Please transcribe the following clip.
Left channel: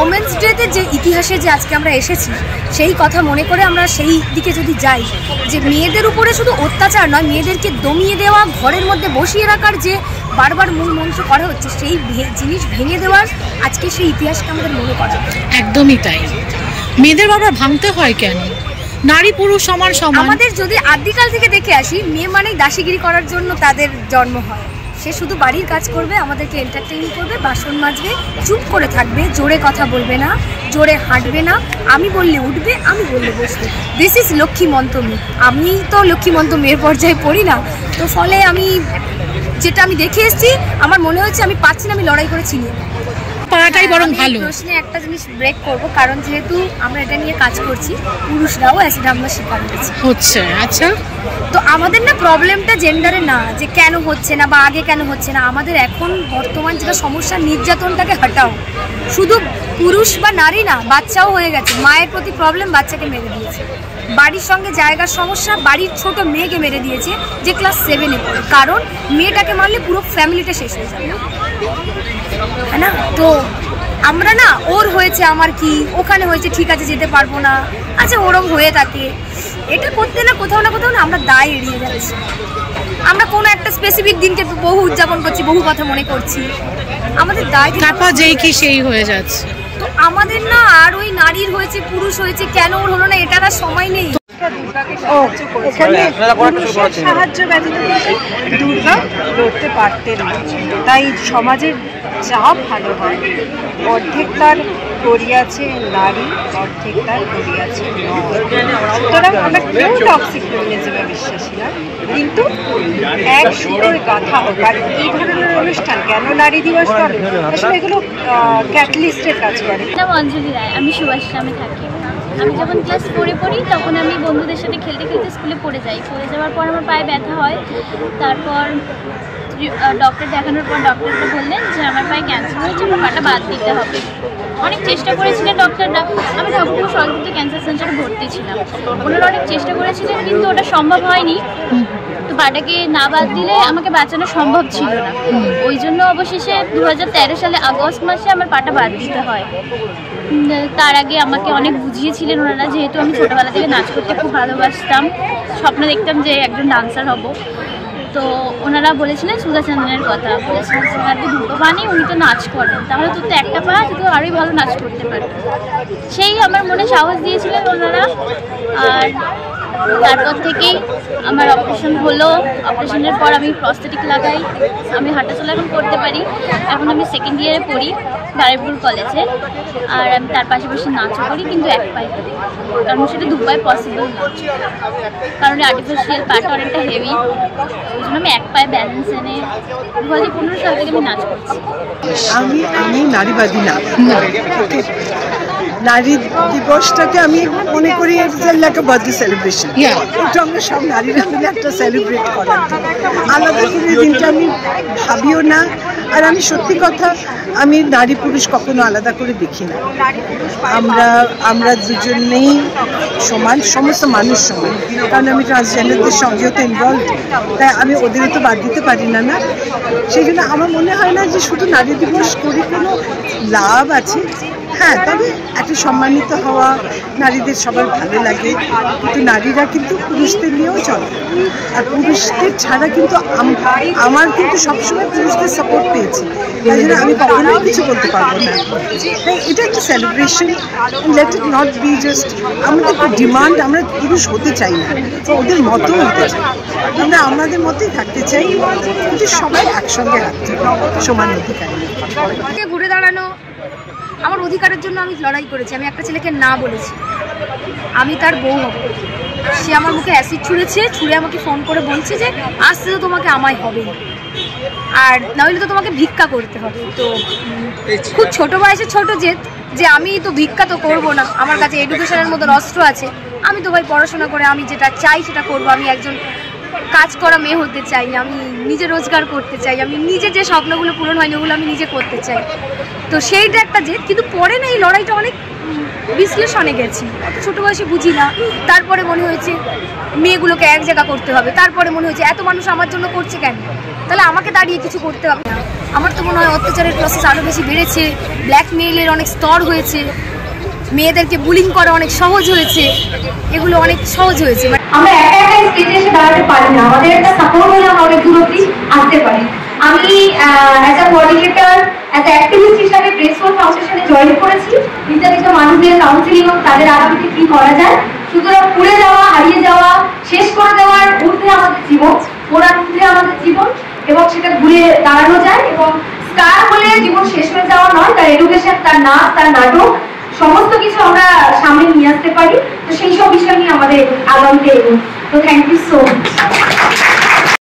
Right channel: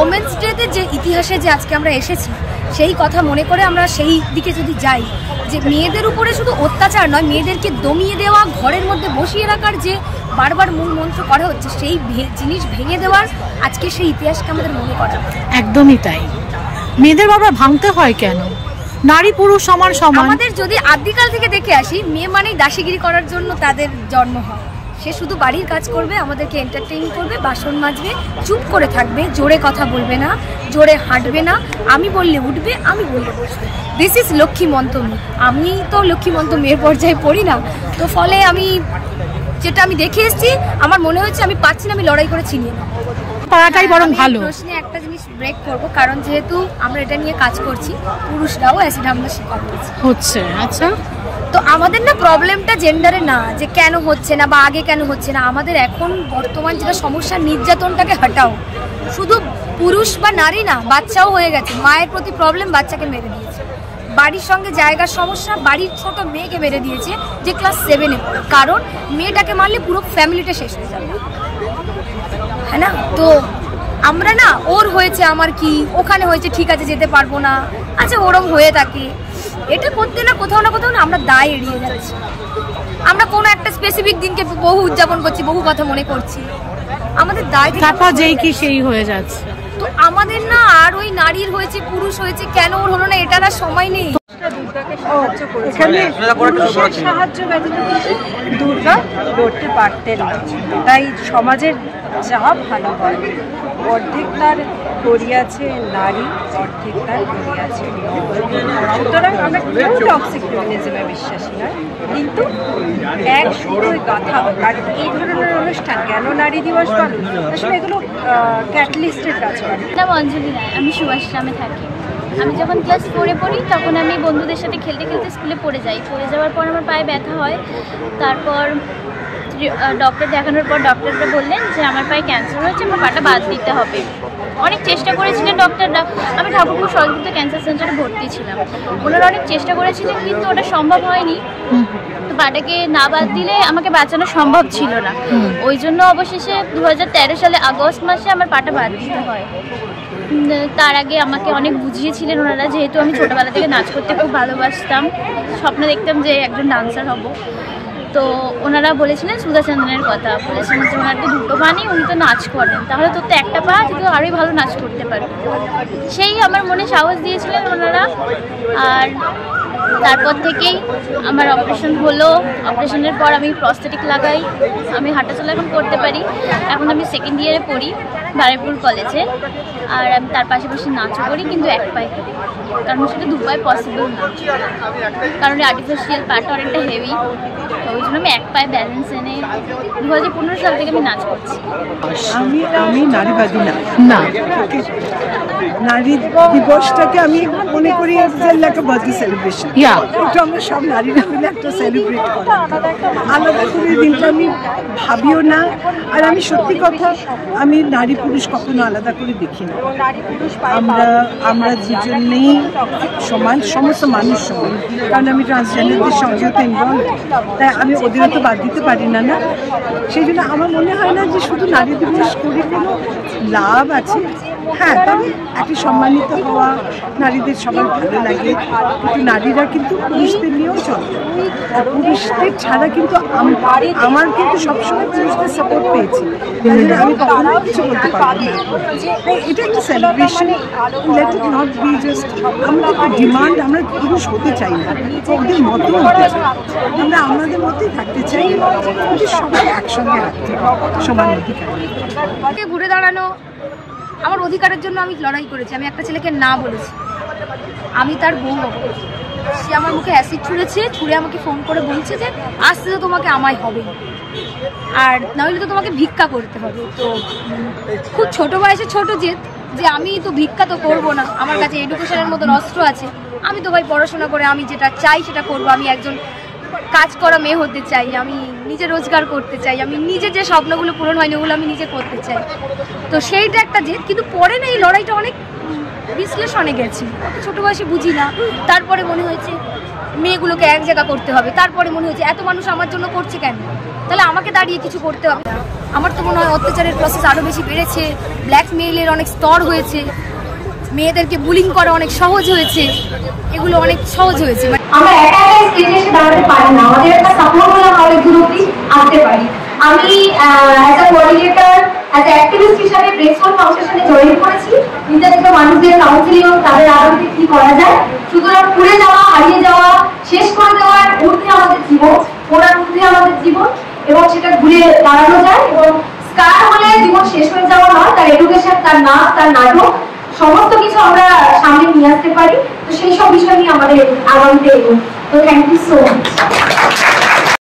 Women's ডেতে যে ইতিহাসে যে আজকে আমরা এসেছি সেই কথা মনে করে আমরা সেই দিকে যদি যাই, যে মেয়েদের উপরে শুধু অত্যাচার নয়, মেয়েদেরকে দমিয়ে দেওয়া, ঘরের মধ্যে বসিয়ে রাখার যে বারবার মূল মন্ত্র করা হচ্ছে, সেই জিনিস ভেঙে দেওয়ার আজকে সেই ইতিহাসকে আমাদের মনে করা। একদমই তাই। মেয়েদের বারবার ভাঙতে হয় কেন? নারী পুরুষ সমান সমান। আমাদের যদি আদিকাল থেকে দেখে আসি, মেয়ে মানেই দাসীগিরি করার জন্য তাদের জন্ম হয়। সে শুধু বাড়ির কাজ করবে, আমাদেরকে এন্টারটেইন করবে, বাসন মাজবে, চুপ করে থাকবে, জোরে কথা বলবে না, জোরে হাঁটবে না, আমি বললে উঠবে, আমি বললে বসবে। দিস ইজ লক্ষ্মীমন্ত মেয়ে। আমি তো লক্ষ্মীমন্ত মেয়ের পর্যায়ে পড়ি না, তো ফলে আমি যেটা আমি দেখে এসেছি, আমার মনে হচ্ছে আমি পাচ্ছি না, আমি লড়াই করে ছিনিয়ে নেব। পাড়াটাই বরং ভালো। প্রশ্নে একটা জিনিস ব্রেক করব, কারণ যেহেতু আমরা এটা নিয়ে কাজ করছি, পুরুষরাও অ্যাসিড হামলার শিকার হচ্ছে। আচ্ছা, তো আমাদের না প্রবলেমটা জেন্ডারে না, যে কেন হচ্ছে না বা আগে কেন হচ্ছে না। আমাদের এখন বর্তমান যেটা সমস্যা, নির্যাতনটাকে হটাও। শুধু পুরুষ বা নারী না, বাচ্চাও হয়ে গেছে। মায়ের প্রতি প্রবলেম, বাচ্চাকে মেরে দিয়েছে। বাড়ির সঙ্গে জায়গার সমস্যা, বাড়ির ছোট মেয়েকে মেরে দিয়েছে যে ক্লাস 7-এ পড়ে, কারণ মেয়েটাকে মারলে পুরো ফ্যামিলিটা শেষ হয়ে যাবে, হ্যাঁ না? তো আমরা না, ওর হয়েছে আমার কি, ওখানে হয়েছে ঠিক আছে যেতে পারবো না, আচ্ছা ওরম হয়ে থাকে, এটা করতে না কোথাও না আমরা দায় এড়িয়ে যাচ্ছি। আমরা কোনো একটা স্পেসিফিক দিনকে বহু উদযাপন করছি, বহু কথা মনে করছি, আমাদের দায় যেই কি সেই হয়ে যাচ্ছে। তো আমাদের না আর ওই নারীর হয়েছে, পুরুষ হয়েছে, কেন ওর হলো না, এটার আর সময় নেই। দুর্গাকে সাহায্য করেছে, পুরুষের সাহায্য ব্যতীত কিন্তু দুর্গা লড়তে পারতেন না। তাই সমাজের যা ভালো হয়, অর্ধেক তার করিয়াছে নারী, অর্ধেক তার করিয়াছে নর। সুতরাং আমরা কেউ টক্সিক ফেমিনিজমে বিশ্বাসী নয়, কিন্তু এক সুতোয় গাঁথা হোক। আর এই ধরনের অনুষ্ঠান কেন নারী দিবস পালন, আসলে এগুলো ক্যাটালিস্টের কাজ করে। নাম অঞ্জলি রায়, আমি সুভাষগ্রামে থাকি। আমি যখন ক্লাস 4-এ পড়ি, তখন আমি বন্ধুদের সাথে খেলতে খেলতে স্কুলে পড়ে যাওয়ার পর আমার পায়ে ব্যথা হয়। তারপর ডক্টর দেখানোর পর ডক্টররা বললেন যে আমার পায়ে ক্যান্সার হয়েছে, আমার পাটা বাদ দিতে হবে। অনেক চেষ্টা করেছিলেন ডক্টররা। আমি ঠাকুরপুর সরকারি ক্যান্সার সেন্টারে ভর্তি ছিলাম। ওনারা অনেক চেষ্টা করেছিলেন, কিন্তু ওটা সম্ভব হয়নি। তো পাটাকে না বাদ দিলে আমাকে বাঁচানো সম্ভব ছিল না। ওই জন্য অবশেষে 2013 সালে আগস্ট মাসে আমার পাটা বাদ দিতে হয়। তার আগে আমাকে অনেক বুঝিয়েছিলেন ওনারা, যেহেতু আমি ছোটোবেলা থেকে নাচ করতে খুব ভালোবাসতাম, স্বপ্ন দেখতাম যে একজন ডান্সার হব। তো ওনারা বলেছিলেন সুধাচন্দ্রনের কথা, বলেছিলেন যে ওনার তো দুটো পা নেই, উনি তো নাচ করেন, তাহলে তোর তো একটা পা, তুই তো আরোই ভালো নাচ করতে পারবি। সেই আমার মনে সাহস দিয়েছিলেন ওনারা। আর তারপর থেকেই আমার অপারেশন হলো। অপারেশনের পর আমি প্রস্থেটিক লাগাই, আমি হাঁটাচলা এখন করতে পারি। এখন আমি 2nd ইয়ারে পড়ি বারুইপুর কলেজে। আর আমি তার পাশাপাশি নাচও করি, কিন্তু এক পায়ে করি, কারণ সেটা 2 পায়ে পসিবল না, কারণ আর্টিফিশিয়াল পাটা অনেকটা হেভি। তো ওই জন্য আমি এক পায়ে ব্যালেন্স এনে 2015 সাল থেকে আমি নাচ করছি। আমি নারীবাদী না। নারী দিবসটাকে আমি মনে করি লাইক আ বার্থডে সেলিব্রেশন। এটা আমরা সব নারীরা মিলে একটা সেলিব্রেট করার দিন। আলাদা করে দিনটা আমি ভাবিও না। আর আমি সত্যি কথা, আমি নারী পুরুষ কখনো আলাদা করে দেখি না। আমরা দুজনেই সমান, সমস্ত মানুষ সমান। কারণ আমি ট্রান্সজেন্ডারদের সঙ্গেও তো ইনভলভ, তাই আমি ওদেরও তো বাদ দিতে পারি না। সেই জন্য আমার মনে হয় না যে শুধু নারী দিবস করে কোনো লাভ আছে। হ্যাঁ, তবে একটা সম্মানিত হওয়া, নারীদের সবার ভালো লাগে, কিন্তু নারীরা কিন্তু পুরুষদের নিয়েও চলে। আর পুরুষদের ছাড়া কিন্তু আমার কিন্তু সবসময় পুরুষদের সাপোর্ট পেয়েছি, তাই জন্য আমি কখনোই কিছু বলতে পারবো না। তাই এটা একটা celebration, let it not be just আমাদের ডিমান্ড। আমরা পুরুষ হতে চাই না, ওদের মতো হতে চাই, আমরা আমাদের মতোই থাকতে চাই, কিন্তু সবাই একসঙ্গে হাঁটতে সমান অধিকার। ঘুরে দাঁড়ানো আমার অধিকারের জন্য আমি লড়াই করেছি। আমি একটা ছেলেকে না বলেছি আমি তার বউ হব। সে আমার মুখে অ্যাসিড ছুঁড়ে আমাকে ফোন করে বলছে যে আসতে তো তোমাকে আমায় হবেই, আর নাহলে তো তোমাকে ভিক্ষা করতে হবে। তো খুব ছোট বয়সে ছোট জেদ, যে আমি তো ভিক্ষা তো করবো না, আমার কাছে এডুকেশনের মতো অস্ত্র আছে, আমি তো ভাই পড়াশোনা করে আমি যেটা চাই সেটা করবো। আমি একজন কাজ করা মেয়ে হতে চাই, আমি নিজে রোজগার করতে চাই, আমি নিজে যে স্বপ্নগুলো পূরণ হয়নি ওগুলো আমি নিজে করতে চাই। তো সেইটা একটা জেদ। কিন্তু পরে না এই লড়াইটা অনেক বিশ্লেষণে গেছি, অত ছোটো বয়সে বুঝি না। তারপরে মনে হয়েছে মেয়েগুলোকে এক জায়গা করতে হবে, তারপরে মনে হয়েছে এত মানুষ আমার জন্য করছে কেন, তাহলে আমাকে দাঁড়িয়ে কিছু করতে হবে না। আমার তো মনে হয় অত্যাচারের প্রসেস আরও বেশি বেড়েছে, ব্ল্যাকমেইলের অনেক স্তর হয়েছে, মেয়েদেরকে বুলিং করা অনেক সহজ হয়েছে, এগুলো অনেক সহজ হয়েছে। আমরা একা একা স্টেজে এসে দাঁড়াতে পারি না, আমাদের একটা সাপোর্ট হলে আমরা অনেক দূর অব্দি আসতে পারি। আমি as a coordinator, as a activist হিসাবে ব্রেসফুল ফাউন্ডেশনে জয়েন করেছি, নিজে মানুষদের কাউন্সিলিং এবং তাদের আলোতে কি করা যায়। সুতরাং পুড়ে যাওয়া, হারিয়ে যাওয়া, শেষ করে দেওয়ার ঊর্ধ্বে আমাদের জীবন, পোড়ার ঊর্ধ্বে আমাদের জীবন, এবং সেটা ঘুরে দাঁড়ানো যায়। এবং স্কার হলে জীবন শেষ হয়ে যাওয়া নয়, তার এডুকেশন, তার নাচ, তার নাটক, সমস্ত কিছু আমরা সামনে নিয়ে আসতে পারি। তো সেই সব বিষয় নিয়ে আমাদের আগামীতে এগোন। তো থ্যাংক ইউ সো মাচ।